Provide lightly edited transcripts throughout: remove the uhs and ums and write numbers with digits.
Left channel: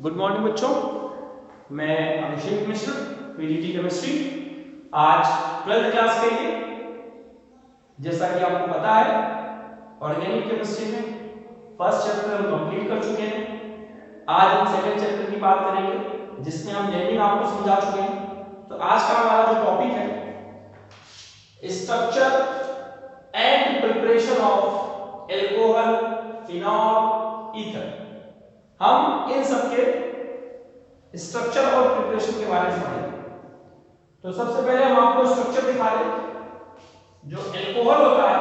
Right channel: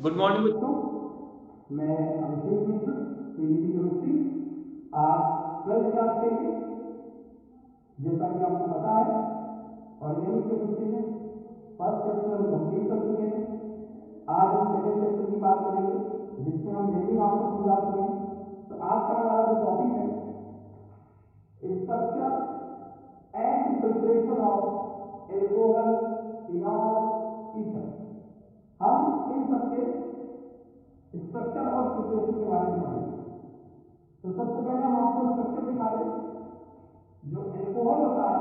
Good morning बच्चों, मैं अभिषेक मिश्र, PGT chemistry. आज 12th क्लास के लिए, जैसा कि आपको पता है, ऑर्गेनिक केमिस्ट्री में फर्स्ट चैप्टर हम कंप्लीट कर चुके हैं। आज हम सेकंड चैप्टर की बात करेंगे, जिसमें हम नेमिंग आपको समझा चुके हैं। तो आज का हमारा जो टॉपिक है, structure and preparation of alcohol, phenol, ether. हम इन सब के स्ट्रक्चर और प्रिपरेशन के बारे में पढ़ेंगे। तो सबसे पहले हम आपको स्ट्रक्चर दिखा रहे हैं। जो एल्कोहल होता है,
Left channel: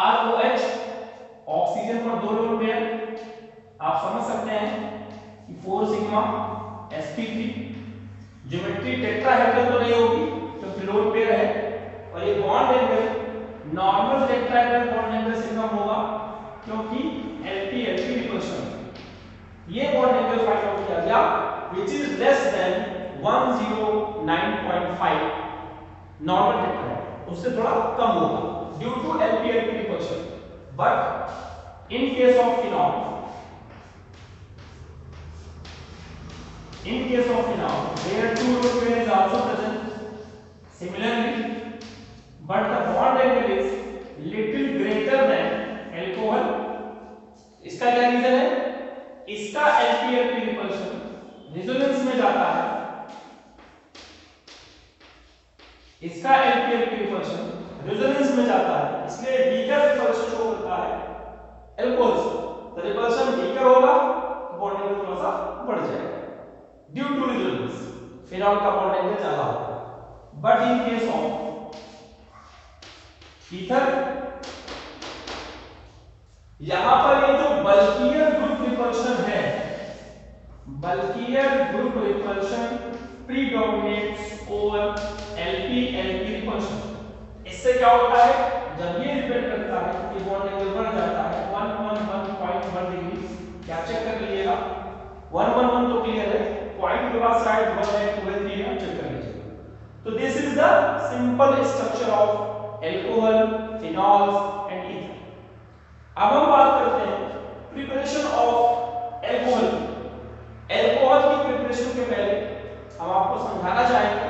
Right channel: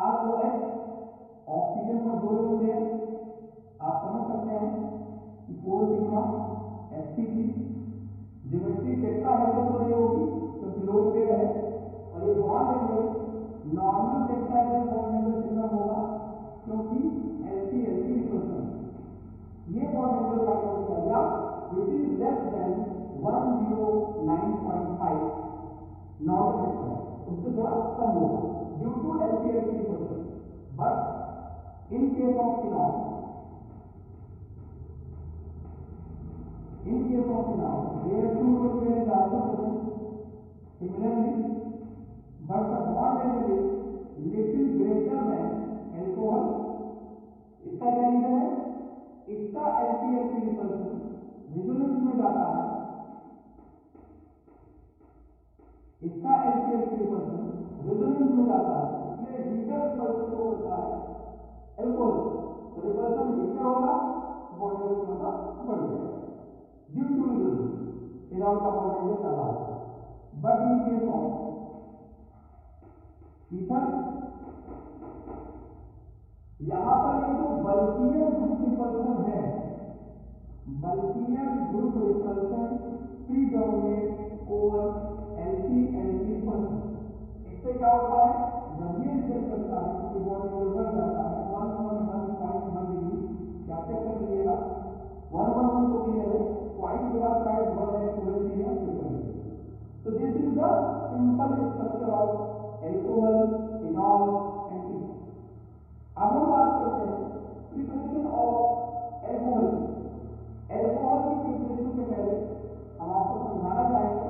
ROH, ऑक्सीजन पर 2 लोन पेयर, आप समझ सकते हैं कि 4 सिग्मा sp3। ज्योमेट्री टेट्राहेड्रल तो नहीं होगी क्योंकि लोन पेयर है, और ये bond angle normal tetrahedral bond angle से कम होगा क्योंकि LP रिपल्शन। ये बॉन्ड एंगल फाइंड आउट किया गया which is less than 109.5 normal tetrahedral, उससे थोड़ा कम होगा due to LP repulsion. But in case of phenol, where 2 lone pair is also present, similarly, but the bond angle is little greater than alcohol. इसका क्या reason है? इसका LP repulsion resonance में जाता है, इसका LP रिपल्शन रेजोनेंस में जाता है, इसलिए वीकर रिपल्शन शो करता है अल्कोहल से। तो रिपल्शन वीकर होगा तो बॉन्ड एंगल थोड़ा सा बढ़ जाएगा ड्यू टू रेजोनेंस। फिनॉल का बॉन्ड एंगल ज्यादा होगा। But in case of ether, यहां पर ये जो बल्कियर ग्रुप रिपल्शन है, bulkier group repulsion predominates over LP repulsion. इससे क्या होता है, जब ये रिपेल करता है कि बॉन्ड एंगल बढ़ जाता है 111.1 डिग्री। क्या चेक कर लीजिएगा, 111 तो क्लियर है, पॉइंट के बाद साइड 1 है 2 है 3 है, चेक कर लीजिएगा। तो this is the simple structure of alcohol, phenols and ether. अब हम बात करते हैं प्रिपरेशन ऑफ एल्कोहल। एल्कोहल की प्रिपरेशन के पहले हम आपको समझाना चाहेंगे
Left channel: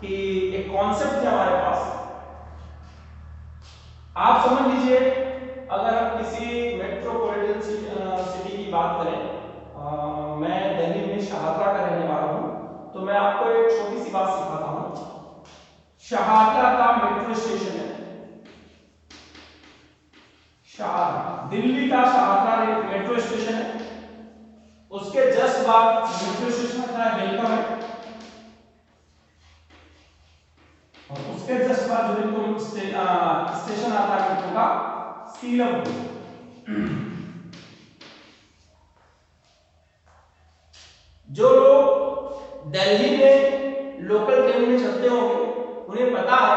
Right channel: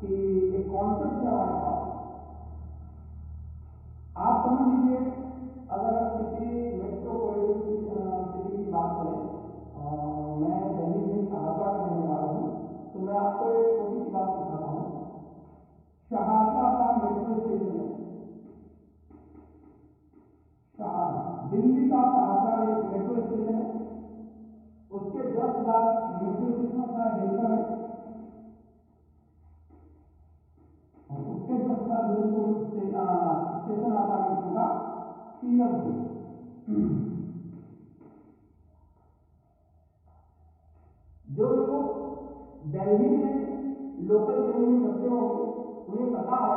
कि एक कॉन्सेप्ट है हमारे पास। आप समझ लीजिए, अगर हम किसी मेट्रोपॉलिटन सिटी की बात करें, मैं दिल्ली में शाहदरा का रहने वाला हूं, तो मैं आपको एक छोटी सी बात सिखाता हूं। शाहदरा का मेट्रो स्टेशन है, दिल्ली का शाहदरा मेट्रो स्टेशन है। उसके जस्ट बाद मेट्रो स्टेशन आता है वेलकम है, और उसके जस्ट बाद जो बिल्कुल स्टेशन आता है मेट्रो का सीलमपुर। जो लोग दिल्ली में लोकल ट्रेन में चलते होंगे उन्हें पता है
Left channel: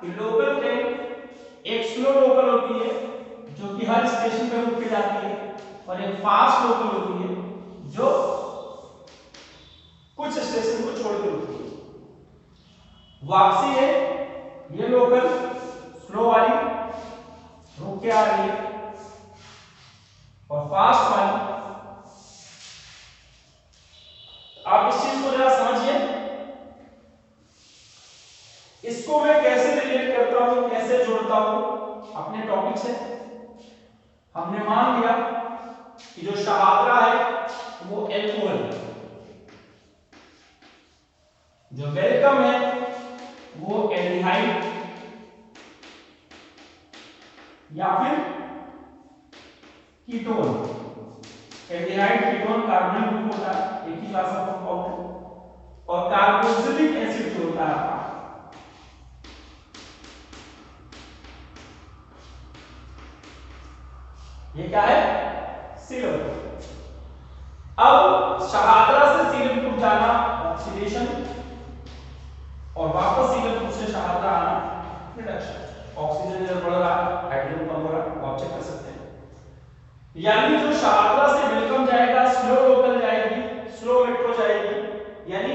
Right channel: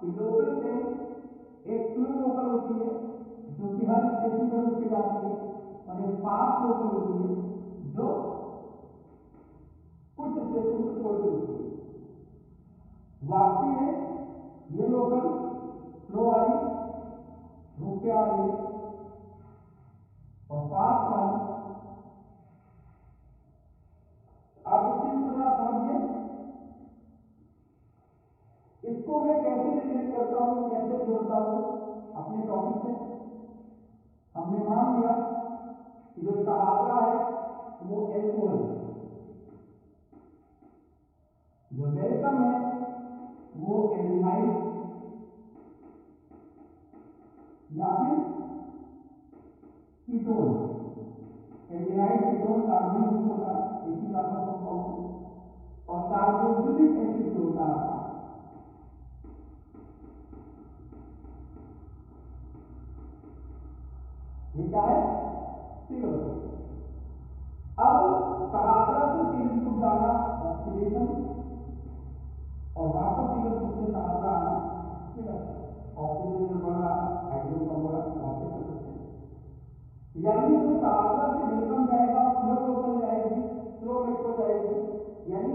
कि लोकल ट्रेन एक स्लो लोकल होती है जो कि हर स्टेशन पे रुक के जाती है, और एक फास्ट लोकल होती है जो कुछ स्टेशन को छोड़ के रुकती है। वापसी है ये लोकल स्लो वाली रुक के आ रही है, और फास्ट वाली। आप इस चीज को जरा समझिए, इसको मैं कैसे रिलेट करता हूं, कैसे जोड़ता हूं अपने टॉपिक से। हमने मान लिया कि जो शाहदरा है वो एल्कोहल, जो वेलकम है वो एल्डिहाइड या फिर ketone. Aldehyde ketone carbonyl group होता है, एक ही क्लास का कंपाउंड है। और कार्बोक्सिलिक एसिड जो होता है, ये क्या है, सीलमपुर। अब शाहदरा से सीलमपुर जाना ऑक्सीडेशन, और वापस सीलमपुर से शाहदरा आना रिडक्शन। ऑक्सीजन लेवल बढ़ रहा है, हाइड्रोजन कम हो रहा है, आप चेक कर सकते हैं। यानी जो शाहदरा से वेलकम जाएगा, स्लो लोकल जाएगी, स्लो मेट्रो जाएगी। यानी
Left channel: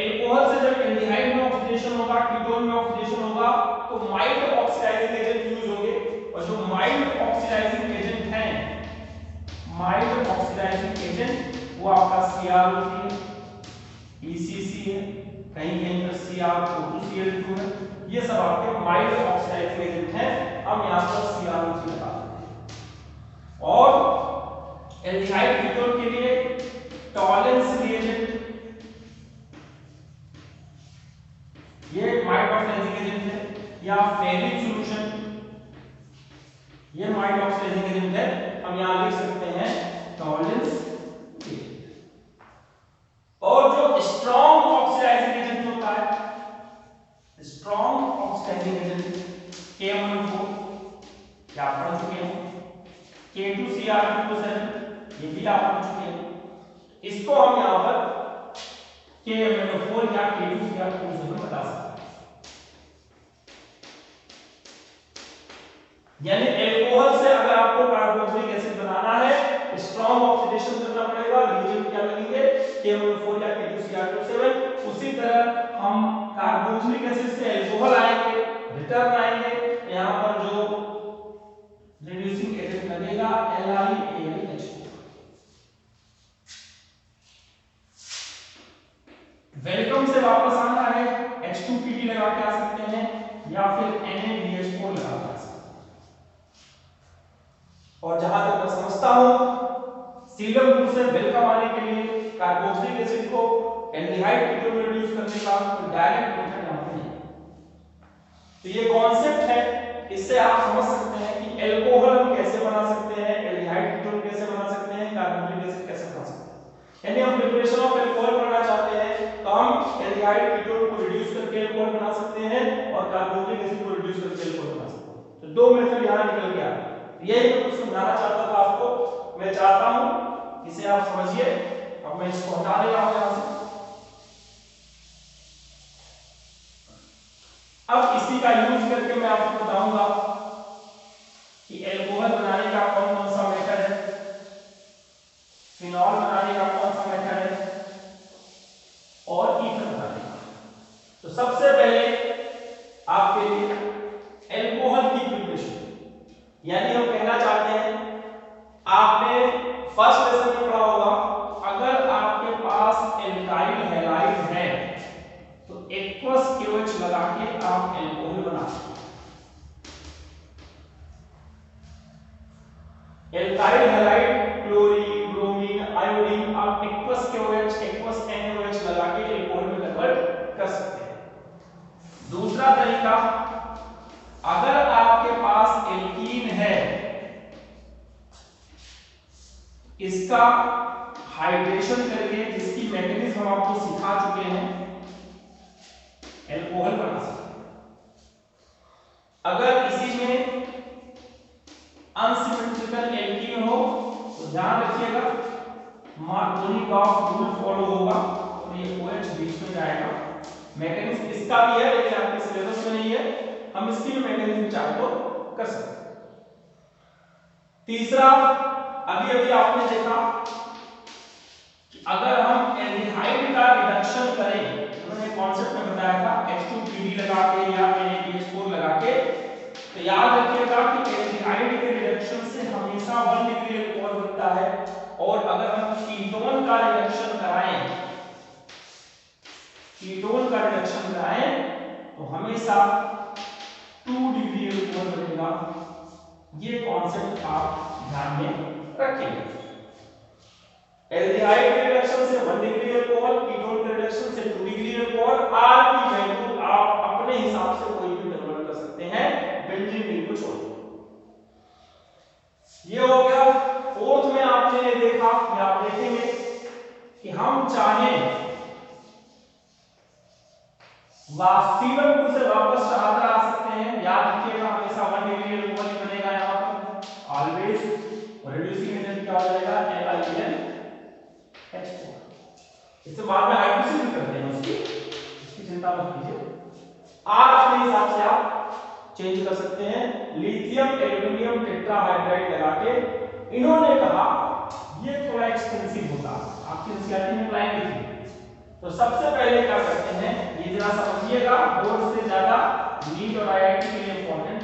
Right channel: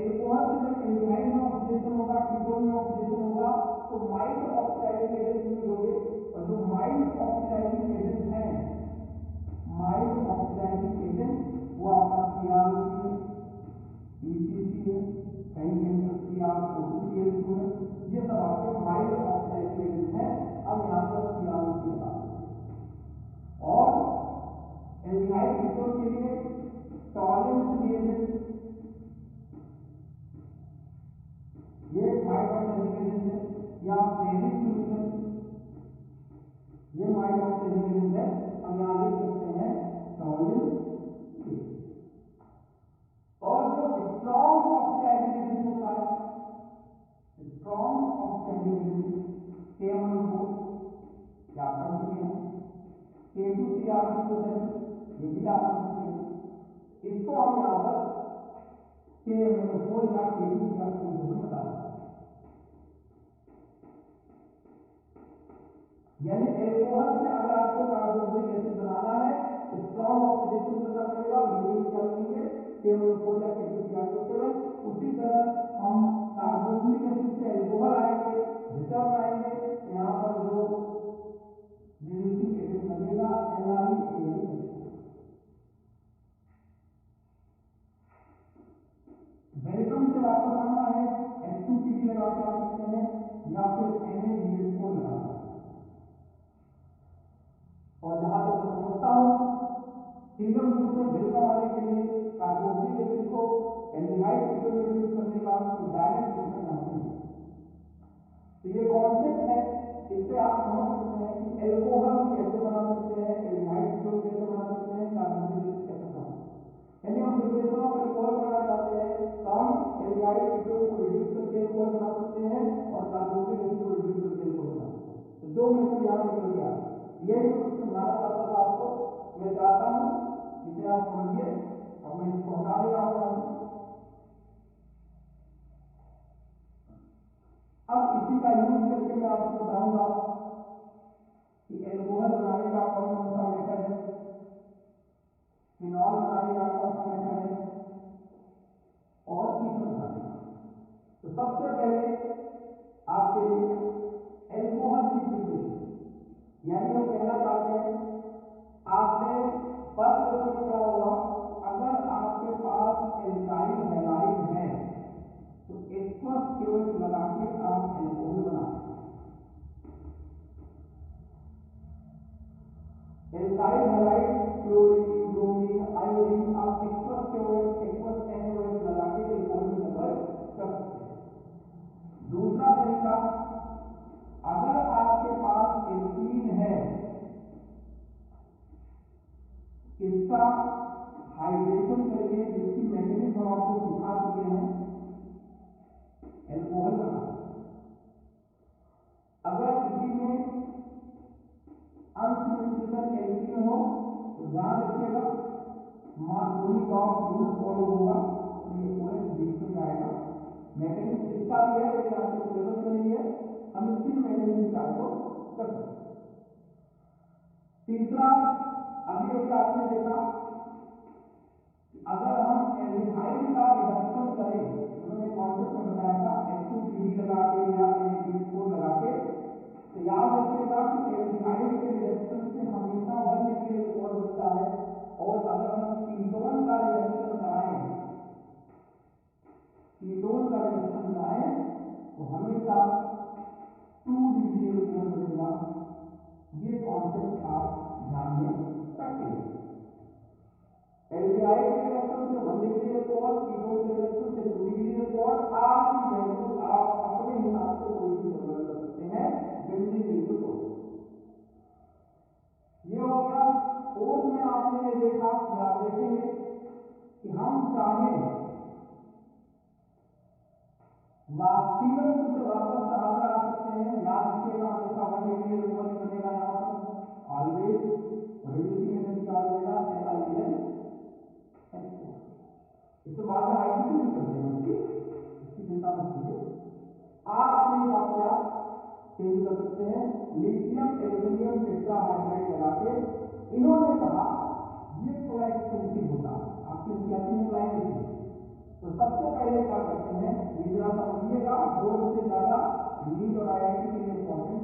एल्कोहल से जब एल्डिहाइड में ऑक्सीडेशन होगा, कीटोन में ऑक्सीडेशन होगा, तो माइल्ड ऑक्सीडाइजिंग एजेंट यूज होंगे, और जो माइल्ड ऑक्सीडाइजिंग एजेंट हैं, माइल्ड ऑक्सीडाइजिंग वो आपका CrO3 है, ECC है, कहीं कहीं पर CrO2Cl2 है। ये सब आपके माइल्ड ऑक्सीडाइजिंग एजेंट हैं, हम यहाँ पर CrO3 लगा देते हैं। और एल्डिहाइड कीटोन के लिए टॉलेंस रिएजेंट, ये माइल्ड ऑक्सीडाइजिंग एजेंट है, या फेरिक सॉल्यूशन, ये माइल्ड ऑक्सीडाइजिंग एजेंट है, हम यहाँ लिख सकते हैं टॉलेंस। और जो स्ट्रॉन्ग ऑक्सीडाइजिंग एजेंट होता है, स्ट्रॉन्ग ऑक्सीडाइजिंग एजेंट K1O4, क्या आप पढ़ चुके हैं, K2Cr2O7, ये भी आप पढ़ चुके हैं। इसको हम यहाँ पर KMnO4 या K2Cr2O7 बता सकते हैं। यानी एल्कोहल से अगर आपको कार्बोक्सिलिक एसिड बनाना है, स्ट्रॉन्ग ऑक्सीडेशन करना पड़ेगा, रिएजेंट क्या लगेंगे, KMnO4 या K2Cr2O7। उसी तरह हम कार्बोक्सिलिक एसिड से एल्कोहल आएंगे, रिटर्न आएंगे, यहां पर जो रिड्यूसिंग एजेंट लगेगा LiAlH4। वेलकम से वापस आना है, H2PD लगा के आ सकते हैं या फिर NaBH4 लगा के आ सकते हैं। और जहां तक मैं समझता हूं, सीलम ग्रुप से वेलकम आने के लिए कार्बोक्सिलिक एसिड को एल्डिहाइड कीटोन में रिड्यूस करने का कोई डायरेक्ट मेथड यहां पे नहीं। तो ये कॉन्सेप्ट है, इससे आप समझ सकते हैं कि एल्कोहल हम कैसे बना सकते हैं, एल्डिहाइड कीटोन कैसे बना सकते हैं, कार्बोक्सिलिक एसिड कैसे बना सकते हैं। यानी हम प्रिपरेशन ऑफ एल्कोहल करना चाहते हैं तो हम एल्डिहाइड कीटोन को रिड्यूस करके एल्कोहल बना सकते हैं और कार्बोक्सिलिक एसिड को रिड्यूस करके एल्कोहल बना सकते हैं। तो दो मेथड यहां निकल गया। यही मैं कुछ समझाना चाहता था आपको। मैं चाहता हूं इसे आप समझिए। अब मैं इसको हटा रहा हूं यहां से। अब इसी का यूज करके मैं आपको बताऊंगा कि एल्कोहल बनाने का कौन कौन सा मेथड है, फिनॉल बनाने का कौन सा मेथड है और ईथर बनाने का। तो सबसे पहले आपके लिए एल्कोहल की प्रिपरेशन, यानी हम कहना चाहते हैं, आपने फर्स्ट लेसन में पढ़ा होगा, अगर आपके पास एल्काइल हैलाइड है तो एक्वस KOH लगा के आप एल्कोहल बना सकते हैं। Alkyl halide, chlorine, bromine, iodine, आप एक्वस KOH, एक्वस NaOH लगा के एल्कोहल में कन्वर्ट कर सकते हैं। दूसरा तरीका, अगर आपके पास एल्कीन है, इसका हाइड्रेशन करके, जिसकी मैकेनिज्म हम आपको सिखा चुके हैं, एल्कोहल बना सकते हैं। अगर इसी में अनसिमेट्रिकल एल्कीन हो तो ध्यान रखिएगा मार्कोनिकॉफ रूल फॉलो होगा और ये OH बीच में जाएगा। मैकेनिज्म इसका भी है लेकिन आपके सिलेबस में नहीं है, हम इसकी भी मैकेनिज्म चाहे तो कर सकते हैं। तीसरा, अभी अभी आपने देखा कि अगर हम एल्डिहाइड का रिडक्शन करें, मैंने कॉन्सेप्ट में बताया था H2PD लगा के या NaBH4 लगा के, तो याद रखिएगा कि एल्डिहाइड के रिडक्शन से हमेशा 1 डिग्री अल्कोहल बनता है, और अगर हम कीटोन का रिडक्शन कराएं, कीटोन का रिडक्शन कराएं तो हमेशा 2 डिग्री अल्कोहल बनेगा। ये कॉन्सेप्ट आप ध्यान में रखिएगा। एल्डिहाइड के रिडक्शन से 1 डिग्री अल्कोहल, कीटोन के रिडक्शन से 2 डिग्री अल्कोहल। R की वैल्यू आप अपने हिसाब से कोई भी कन्वर्ट कर सकते हैं, बेंजीन रिंग को छोड़। ये हो गया। फोर्थ में आपने ये देखा कि आप देखेंगे कि हम चाहें सीलम ग्रुप से वापस चढ़ाकर आ सकते हैं। याद रखिएगा हमेशा 1 डिग्री अल्कोहल ही बनेगा यहां पर ऑलवेज, और रिड्यूसिंग एजेंट क्या हो जाएगा, LiAlH4। इससे बाद में हाइड्रोसिस भी करते हैं, उसकी चिंता मत कीजिए। R अपने हिसाब से आप चेंज कर सकते हैं। लिथियम एल्यूमिनियम टेट्राहाइड्राइड लगा के, इन्होंने कहा ये थोड़ा एक्सपेंसिव होता, आपकी एनसीईआरटी में लाइन लिखी। तो सबसे पहले क्या करते हैं, ये जरा समझिएगा, बोर्ड से ज्यादा नीट और IIT के लिए इंपॉर्टेंट।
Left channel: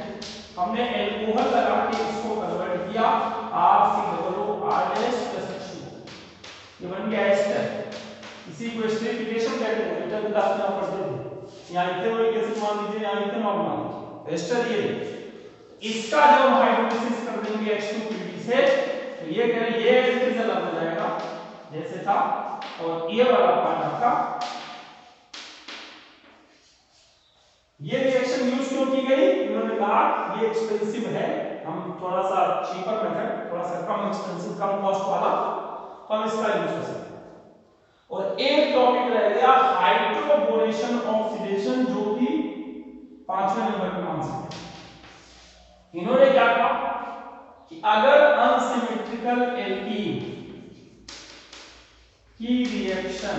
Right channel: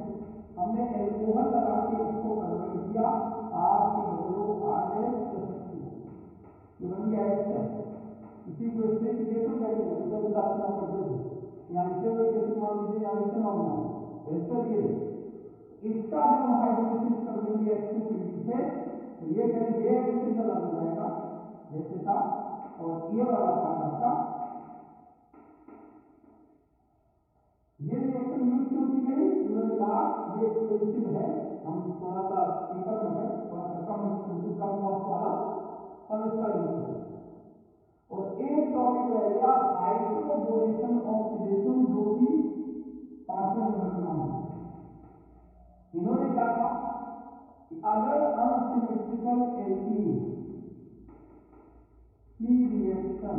हमने एल्कोहल लगा के इसको कन्वर्ट किया RCOOR-H+2। ये बन गया एस्टर। इसी को एस्टरिफिकेशन कहते हैं, बेटा क्लास में आप पढ़ते थे। यहाँ इथेनॉइक एसिड मान लीजिए, यहाँ इथेनॉल मान लीजिए, एस्टर ये। इसका जब हम हाइड्रोलिसिस कर देंगे H2Pd से, तो ये कह रहे ये एसिड अलग हो जाएगा जैसे था, और ये वाला पार्ट आपका। ये रिएक्शन यूज क्यों की गई? इन्होंने कहा ये एक्सपेंसिव है, हम थोड़ा सा चीपर मेथड, थोड़ा सा कम एक्सपेंसिव, कम कॉस्ट वाला, तो हम इसका यूज कर सकते हैं। और एक टॉपिक रह गया हाइड्रोबोरेशन ऑक्सीडेशन, जो कि 5वें नंबर पे मान सकते हैं। इन्होंने क्या कहा कि अगर अनसिमेट्रिकल एल्कीन की रिएक्शन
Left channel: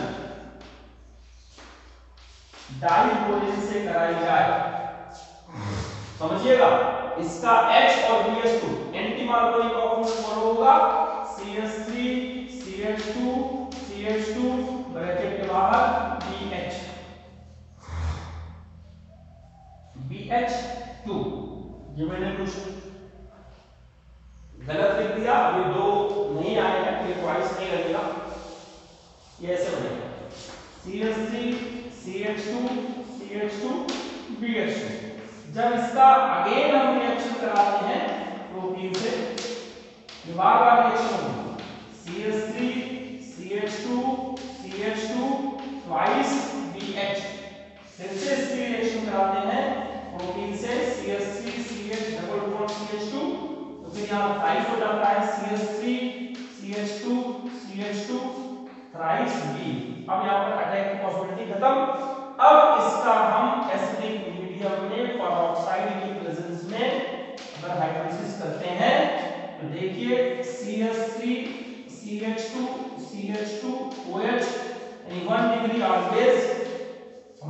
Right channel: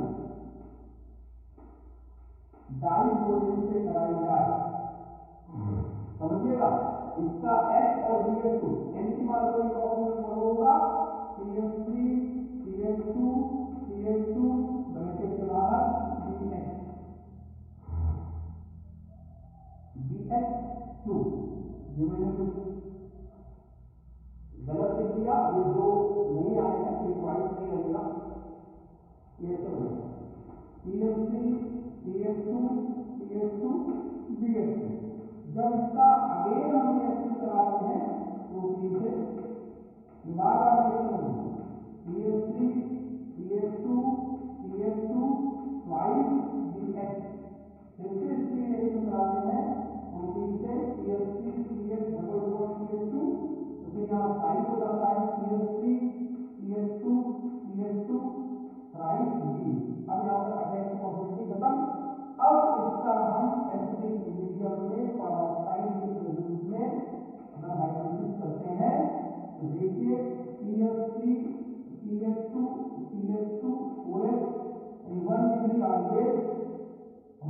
डाइबोरेन से कराई जाए, समझिएगा, इसका H और BH2 एंटी मार्कोनी का फॉर्मूला फॉलो होगा, CH3 CH2 CH2 ब्रैकेट के बाहर BH2। ये मैंने कुछ गलत लिख दिया, अभी दो नहीं आए हैं, फिर ट्वाइस नहीं लगेगा, ये ऐसे बनेगा CH3 CH2 CH2 BH2। जब इसका अगेन हम रिएक्शन कराते हैं प्रोटीन से, ये बार-बार रिएक्शन होगी, CH3 CH2 CH2 twice BH। फिर से इसकी रिएक्शन कराते हैं प्रोटीन से CH3 CH double bond CH2, तो फिर यहाँ थ्राइस हो जाता है CH3 CH2 CH2 thrice B। अब यहाँ पर अटैक की पॉसिबिलिटी खत्म। अब इसका हम एसिडिक मीडियम में पेरोक्साइड की प्रेजेंस में अगर हाइड्रोलिसिस करते हैं, तो देखिए CH3 CH2 CH2 OH यानी 1 डिग्री ऑलवेज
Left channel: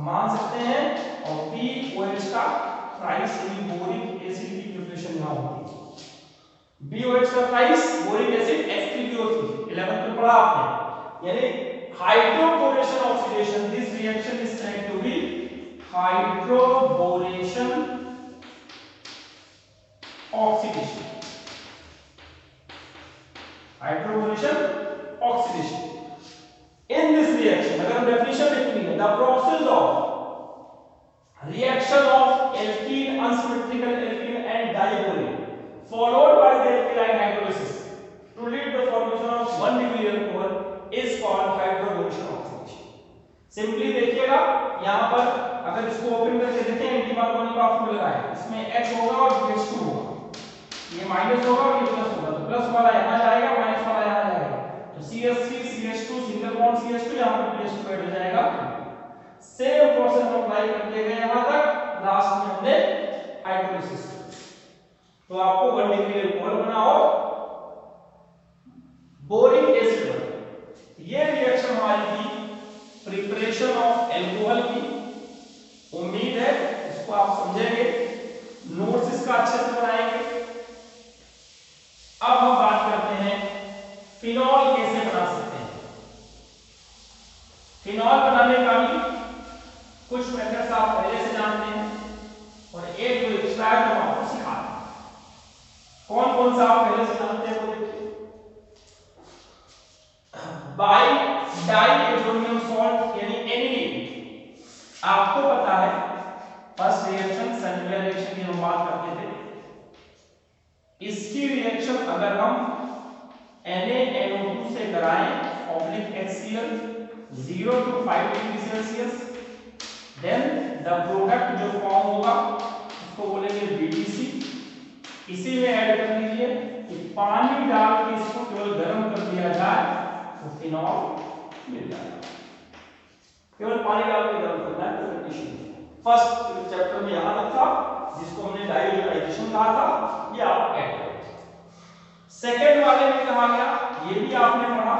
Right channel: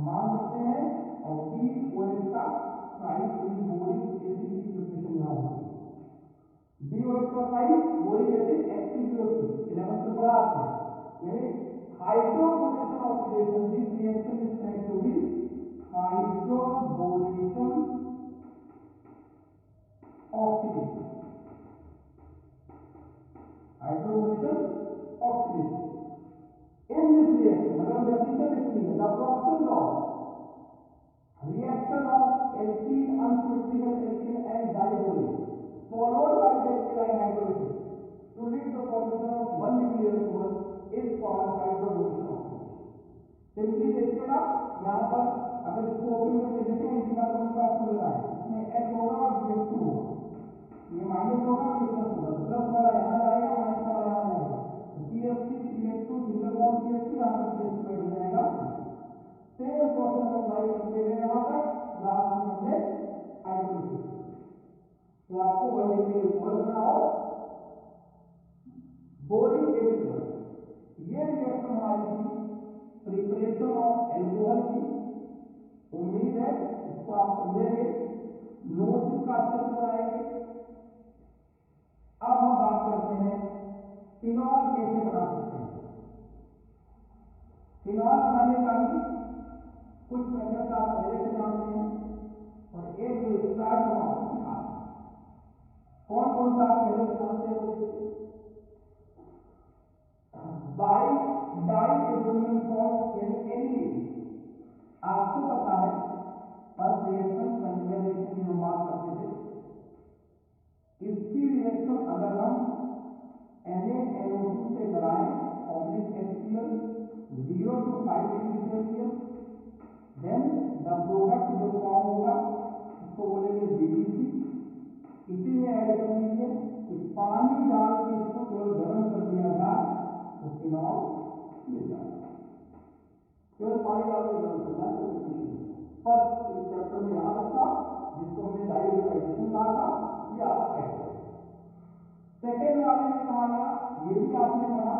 मान सकते हैं, और BOH का थ्राइस बोरिक एसिड की प्रिपरेशन यहाँ होती है। BOH का thrice boric acid H3PO3 11th में पढ़ा आपने, यानी hydroboration oxidation, this reaction is said to be hydroboration oxidation, hydroboration oxidation। in this reaction, अगर हम definition लिखेंगे, the process of reaction of alkene, unsymmetrical alkene and diborane followed by the alkyl hydrolysis to lead the formation of 1 degree alcohol is called hydroboration oxidation। Simply देखिएगा, यहाँ पर अगर इसको open करके देखें, एंटी मार्कोनी का formula लगाएं, इसमें H होगा और BH2 होगा, ये माइनस होगा और ये प्लस होगा, तो प्लस वाला यहाँ जाएगा, माइनस वाला यहाँ जाएगा, तो CH3 CH2 single bond CH2, यहाँ पर BH2 ऐड हो जाएगा। सेम प्रोसेस अप्लाई करते गए यहाँ तक, लास्ट में हमने हाइड्रोलिसिस, तो आपको 1 डिग्री अल्कोहल बना और बोरिक एसिड बना। ये रिएक्शन हमारी थी प्रिपरेशन ऑफ अल्कोहल की। उम्मीद है इसको आप समझेंगे, नोट्स इसका अच्छे से बनाएंगे। अब हम बात करते हैं फिनॉल कैसे बना सकते हैं। फिनॉल बनाने का भी कुछ मेथड्स आप पहले से जानते हैं, और एक जो एक्स्ट्रा है वो आपको सिखाते हैं। कौन कौन सा आप पहले से जानते हैं वो देखिए। बाई डाइएजोनियम सॉल्ट यानी NaDH, आपको पता है फर्स्ट रिएक्शन सेलुलर रिएक्शन की हम बात करते थे, इसकी रिएक्शन अगर हम NaNO2 से कराएं oblique HCl 0 to 5 degree Celsius, then the product जो फॉर्म होगा उसको बोलेंगे BDC। इसी में ऐड कर लीजिए कि पानी डाल के इसको केवल गर्म कर दिया जाए तो फिनॉल मिल जाएगा। केवल पानी डाल के गर्म करना है, कोई कंडीशन नहीं। फर्स्ट चैप्टर में यहाँ तक था, जिसको हमने डाइल्यूटाइजेशन कहा था, ये आप ऐड करें। सेकेंड वाले में कहा गया, ये भी आपने पढ़ा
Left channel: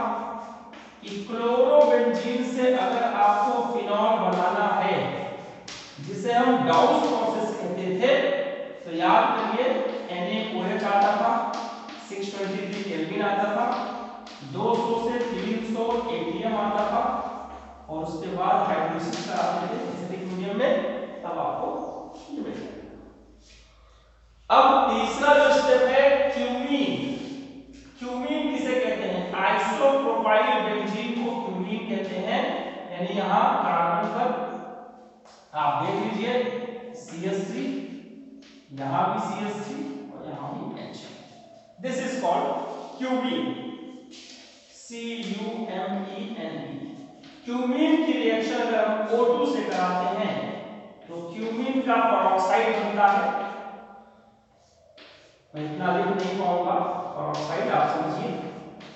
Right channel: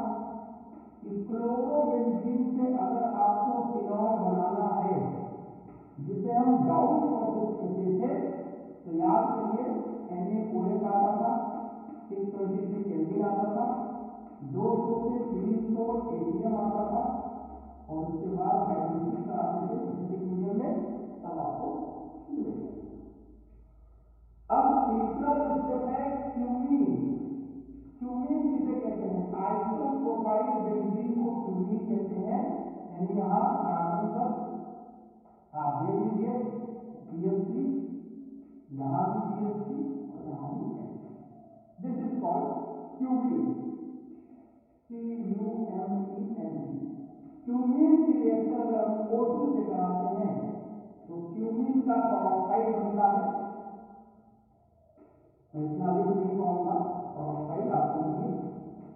कि क्लोरोबेंजीन से अगर आपको फिनॉल बनाना है, जिसे हम डाउस प्रोसेस कहते थे, तो याद करिए NaOH आता था, 623 केल्विन आता था, 200 से 300 ATM आता था, और उसके बाद हाइड्रोलिसिस कराते थे एसिडिक मीडियम में, तब आपको ये मिलेगा। अब तीसरा जो स्टेप है क्यूमीन। क्यूमीन किसे कहते हैं? आइसोप्रोपाइल बेंजीन यानी यहाँ कार्बन पर आप देख लीजिए CH3, यहाँ भी CH3 और यहाँ भी H। This is called cumene, CUMENE। Cumene की रिएक्शन अगर हम O2 से कराते हैं तो क्यूमीन का पेरोक्साइड बनता है। मैं इतना लिख नहीं पाऊंगा, पेरोक्साइड आप समझिए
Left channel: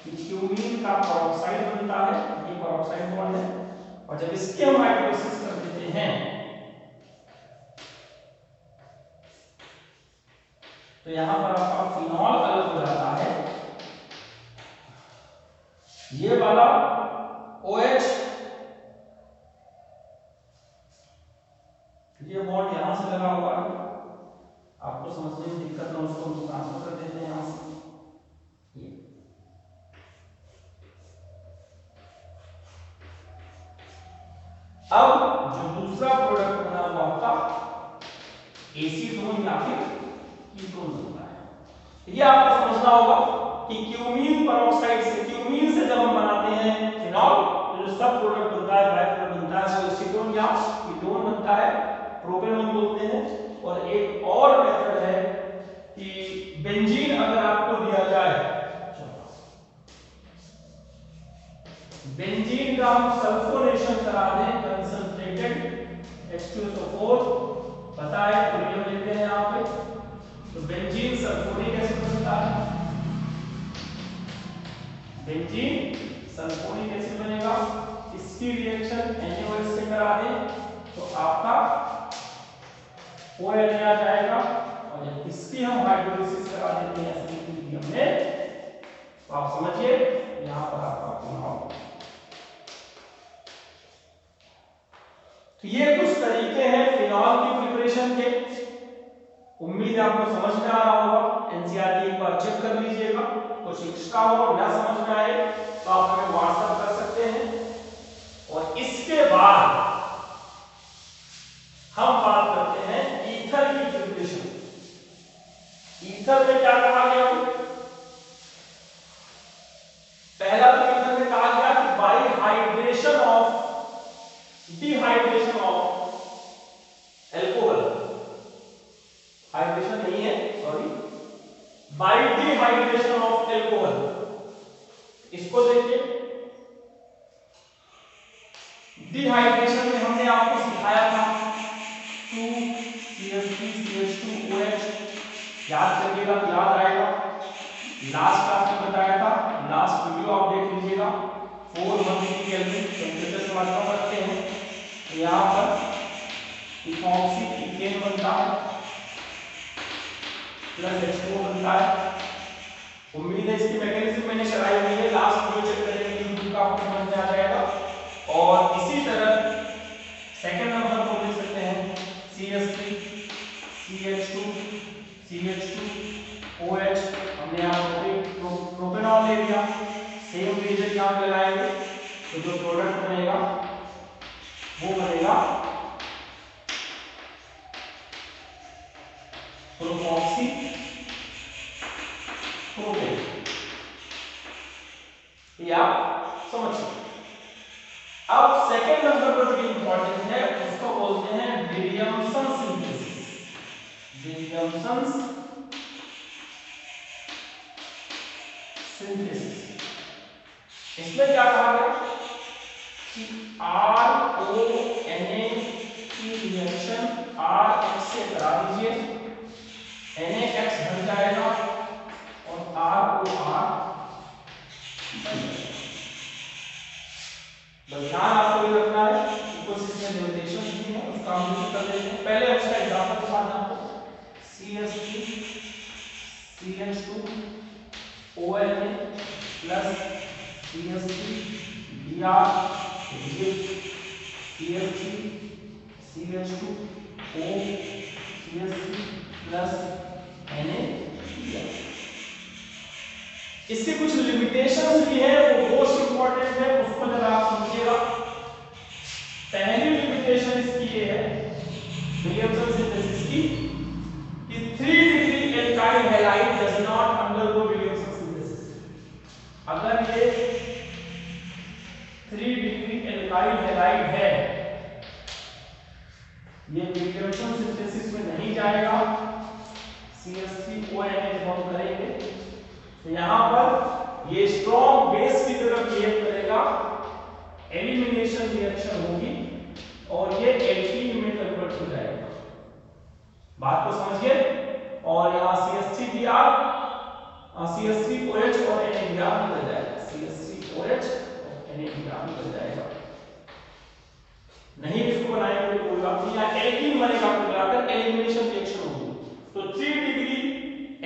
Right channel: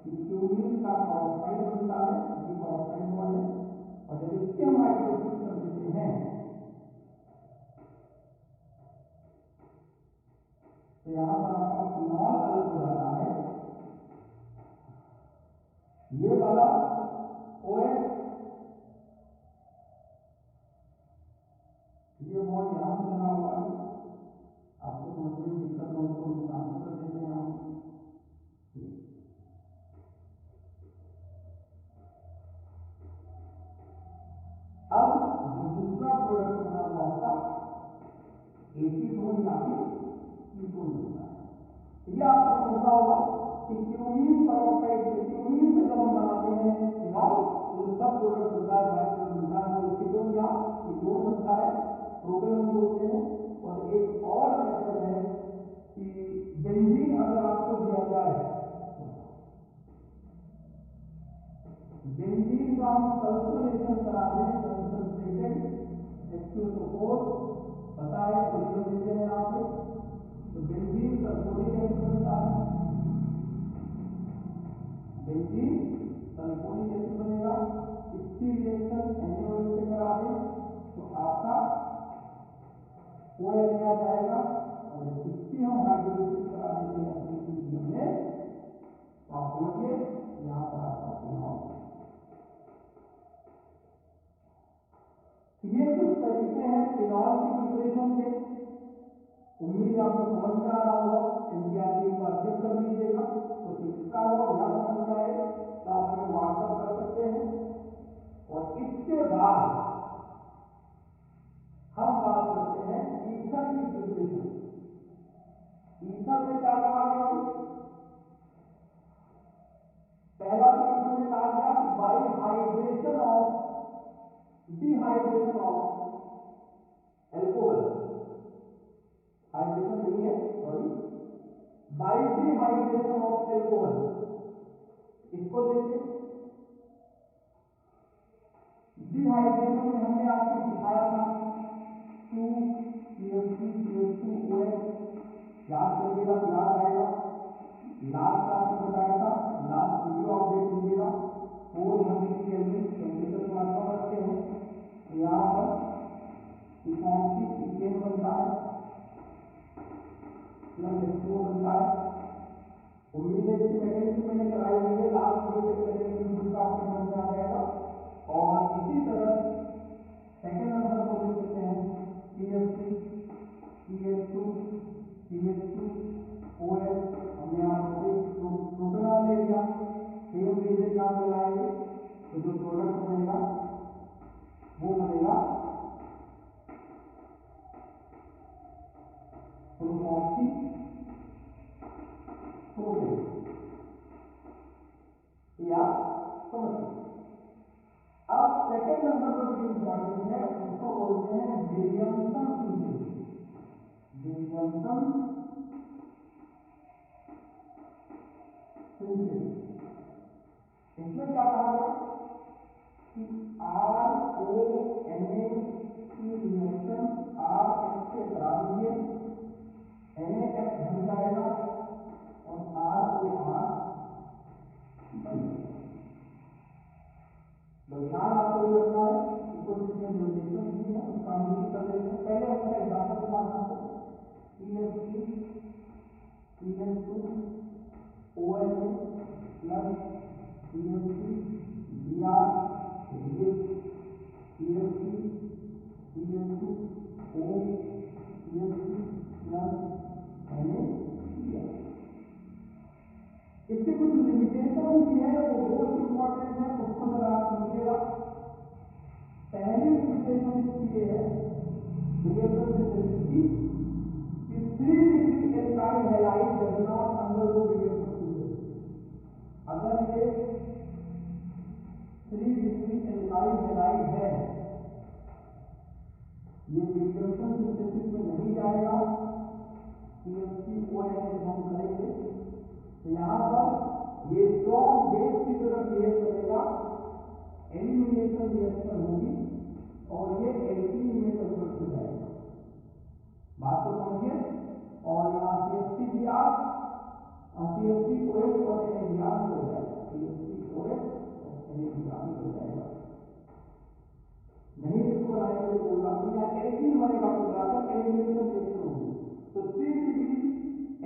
कि क्यूमीन का पेरोक्साइड बनता है, ये पेरोक्साइड बॉन्ड है। और जब इसकी हम हाइड्रोलिसिस कर देते हैं तो यहां पर आपका फिनॉल अलग हो जाता है। ये वाला OH, ये बॉन्ड यहां से लगा हुआ है, आपको समझने में दिक्कत ना, उसको हम ट्रांसफर कर देते हैं यहां से। ये अब जो दूसरा प्रोडक्ट बना हुआ आपका एसीटोन या फिर कीटोन बनता है। ये आपको समझना होगा कि क्यूमीन पेरोक्साइड से, क्यूमीन से जब हम बनाते हैं फिनॉल तो जो सब प्रोडक्ट बनता है, बाय प्रोडक्ट बनता है, वो एसीटोन या कीटोन बनता है, प्रोपेनॉन बोलते हैं। और एक और मेथड है कि बेंजीन अगर आपको दिया जाए, बेंजीन का हम सल्फोनेशन करा दें, कंसंट्रेटेड H2SO4 पता है, सोडियम लेते हैं यहाँ पे, तो बेंजीन सल्फोनिक एसिड बनता है। बेंजीन सल्फोनिक एसिड बनेगा। इसकी रिएक्शन NaOH से करा दें तो आपका ONA आ जाएगा। और जब इसकी हम हाइड्रोलिसिस करा देते हैं एसिडिक मीडियम में तो आप समझिए यहां पर आपका फिनॉल। तो ये कुछ तरीके हैं फिनॉल की प्रिपरेशन के। उम्मीद है आपको समझ में आ रहा होगा। एनसीईआरटी एक बार चेक कर लीजिएगा, कुछ एक्स्ट्रा हो ना समझ में आए तो आप हमें व्हाट्सएप कर सकते हैं। और इसके बाद हम बात करते हैं ईथर की प्रिपरेशन। ईथर में क्या कहा गया? पहला तो ईथर में कहा गया कि bye dehydration of alcohol, hydration नहीं है, sorry, bye dehydration of alcohol. इसको देखिए, डिहाइड्रेशन में हमने आपको सिखाया था 2CH3CH2OH, याद करिएगा तो याद आएगा। लास्ट क्लास में बताया था, लास्ट वीडियो आप देख लीजिएगा। 413 केल्विन टेंपरेचर से मात्रा रखते हैं तो यहाँ पर इथॉक्सी इथेन बनता है प्लस H2O बनता है। उम्मीद है इसकी मैकेनिज्म मैंने कराई हुई है, लास्ट वीडियो चेक करेंगे यूट्यूब का, आपको समझ में आ जाएगा। और इसी तरह सेकंड नंबर को देख सकते हैं CH3 CH2 CH2OH, हमने यहाँ प्रोपेनॉल ले लिया, सेम रिएजेंट यहाँ पे लगाएंगे तो जो प्रोडक्ट बनेगा वो बनेगा प्रोपॉक्सी प्रोपेन। या समझ सकते। अब सेकंड नंबर पर जो इंपॉर्टेंट है उसको बोलते हैं विलियमसन सिंथेसिस। विलियमसन सिंथेसिस, इसमें क्या कहा गया कि RONA की रिएक्शन RH से करा दीजिए, NaX बन जाएगा और ROR ध्यान आपको ये रखना है, कुछ इसमें लिमिटेशन भी है, उसका हम यूज कर लेते हैं। पहले उसका एग्जांपल दिखाना आपको, CH3 CH2ONA plus CH3 Br CH3 CH2O CH3 plus NaCl। इसकी कुछ लिमिटेशंस भी है, वो मोस्ट इंपॉर्टेंट है, उसको जरा आप समझिएगा। पहली लिमिटेशन इसकी ये है विलियमसन सिंथेसिस की कि 3 degree alkyl halide does not undergo Williamson synthesis. अगर ये 3 डिग्री एल्काइल हैलाइड एल्डिहाइड है, ये केमिकल सिंथेसिस में नहीं जाएगा। CH3ONA जब हम करेंगे तो यहाँ पर ये स्ट्रॉन्ग बेस की तरफ बिहेव करेगा, एलिमिनेशन रिएक्शन होगी और ये एल्कीन में कन्वर्ट हो जाएगा। बात को समझिए। और यहाँ CH3Br CH3OH और NABr निकल जाएगा, CH3OH और NABr निकल जाएगा। नहीं इसको बनाएंगे तो कोई बात नहीं, यहाँ एल्कीन बनेगा, मिलाकर एलिमिनेशन रिएक्शन होगी। तो 3 degree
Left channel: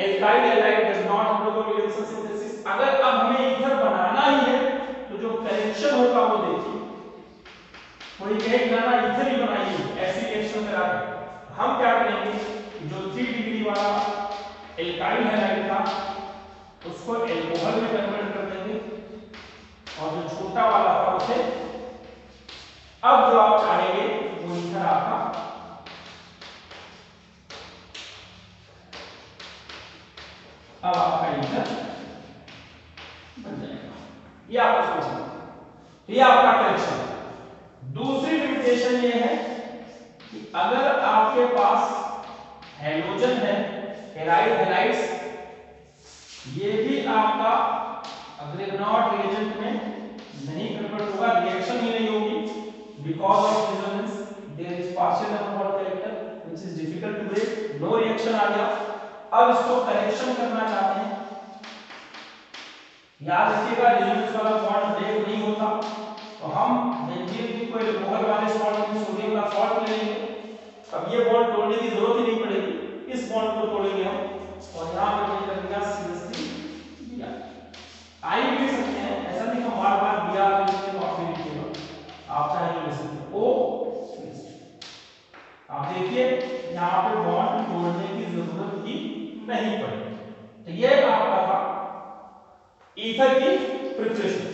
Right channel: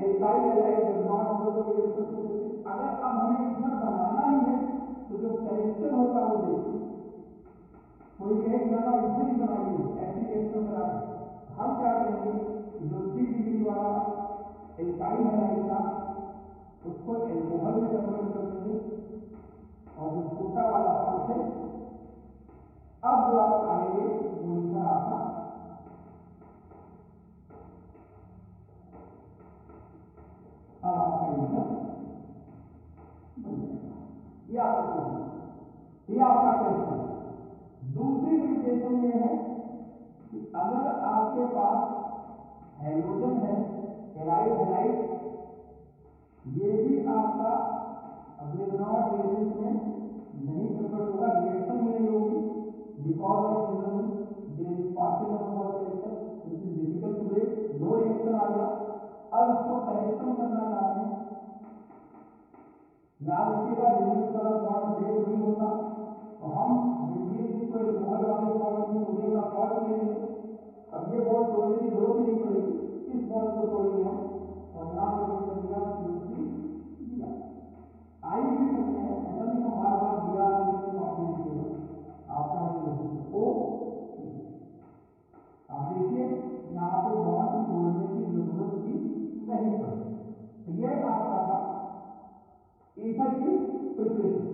alkyl halide does not undergo reaction synthesis. अगर अब हमें ईथर बनाना ही है तो जो करेक्शन होगा वो देखिए, कोई कहेगा ना ईथर ही बनाइए, ऐसी रिएक्शन करा दे। हम क्या करेंगे, जो 3 डिग्री वाला एल्काइल हैलाइड था उसको एल्कोहल में कन्वर्ट कर देंगे और जो छोटा वाला था उसे अब जो आप चाहेंगे वो ईथर आपका अब आपका ईथर बन जाएगा। ये आपको समझना, ये आपका करेक्शन। दूसरी लिमिटेशन ये है कि अगर आपके पास हैलोजन है, हैलाइड हैलाइड्स, ये भी आपका अग्रिगोनाट रिएजेंट में नहीं कन्वर्ट होगा, रिएक्शन ही नहीं होगी। Because of resonance, there is partial number character which is difficult to break. No reaction आ गया। अब इसको करेक्शन करना चाहते हैं, याद रखिएगा रेजोनेंस वाला बॉन्ड ब्रेक नहीं होता, तो हम बेंजीन की कोई अल्कोहल वाले सॉल्ट में सोडियम का सॉल्ट ले लेंगे। अब ये बॉन्ड तोड़ने की जरूरत ही नहीं पड़ेगी, इस बॉन्ड को तोड़ेंगे हम और यहाँ पे क्या करेंगे CH3Br। आई भी सकते हैं, ऐसा नहीं हम बार बार Br लिखते हैं तो आप भी लिखिएगा, आप चाहे ले सकते हो O। आप देखिए यहाँ पे बॉन्ड तोड़ने की जरूरत ही नहीं पड़ी। तो ये आपका था ईथर की प्रिपरेशन।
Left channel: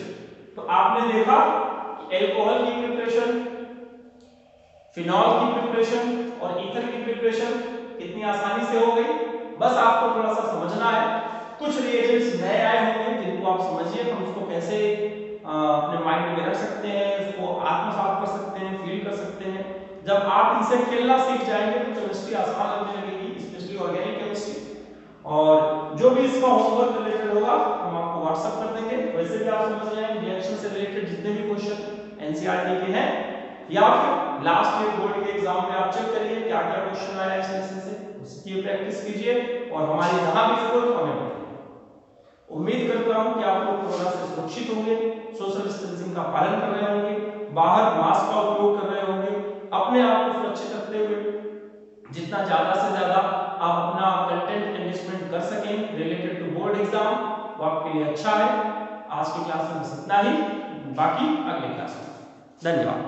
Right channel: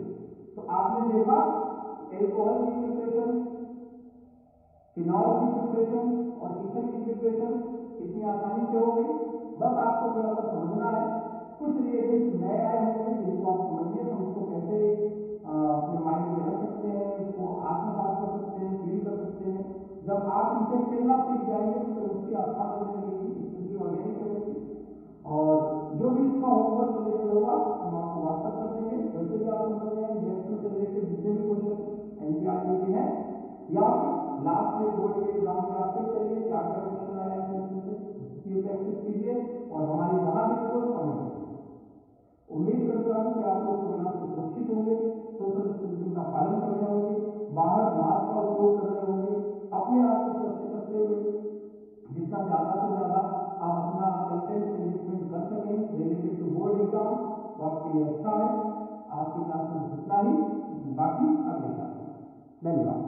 तो आपने देखा एल्कोहल की प्रिपरेशन, फिनॉल की प्रिपरेशन और ईथर की प्रिपरेशन कितनी आसानी से हो गई। बस आपको थोड़ा सा समझना है, कुछ रिएजेंट्स नए आए होंगे जिनको आप समझिए, हम उसको कैसे अपने माइंड में रख सकते हैं, उसको आत्मसात कर सकते हैं, फील कर सकते हैं। जब आप इनसे खेलना सीख जाएंगे तो केमिस्ट्री आसान लगने लगेगी, स्पेशली ऑर्गेनिक केमिस्ट्री। और जो भी इसका होमवर्क रिलेटेड होगा हम आपको व्हाट्सएप कर देंगे। वैसे भी आप समझ जाएंगे रिएक्शन से रिलेटेड जितने भी क्वेश्चन एनसीईआरटी के हैं या फिर लास्ट ईयर बोर्ड के एग्जाम में आप चेक करिए क्या क्या क्वेश्चन आया इस लेसन से, उसकी प्रैक्टिस कीजिए और हमारी जहां भी जरूरत हमें बताइए। उम्मीद करता हूं कि आप लोग कोरोना से सुरक्षित होंगे, सोशल डिस्टेंसिंग का पालन कर रहे होंगे, बाहर मास्क का उपयोग कर रहे होंगे, अपने आप को सुरक्षित रखते हुए जितना ज्यादा से ज्यादा आप अपना कंटेंट एनरिचमेंट कर सकें रिलेटेड टू बोर्ड एग्जाम, वो आपके लिए अच्छा है। आज की क्लास में बस इतना ही, बाकी अगले क्लास में। धन्यवाद।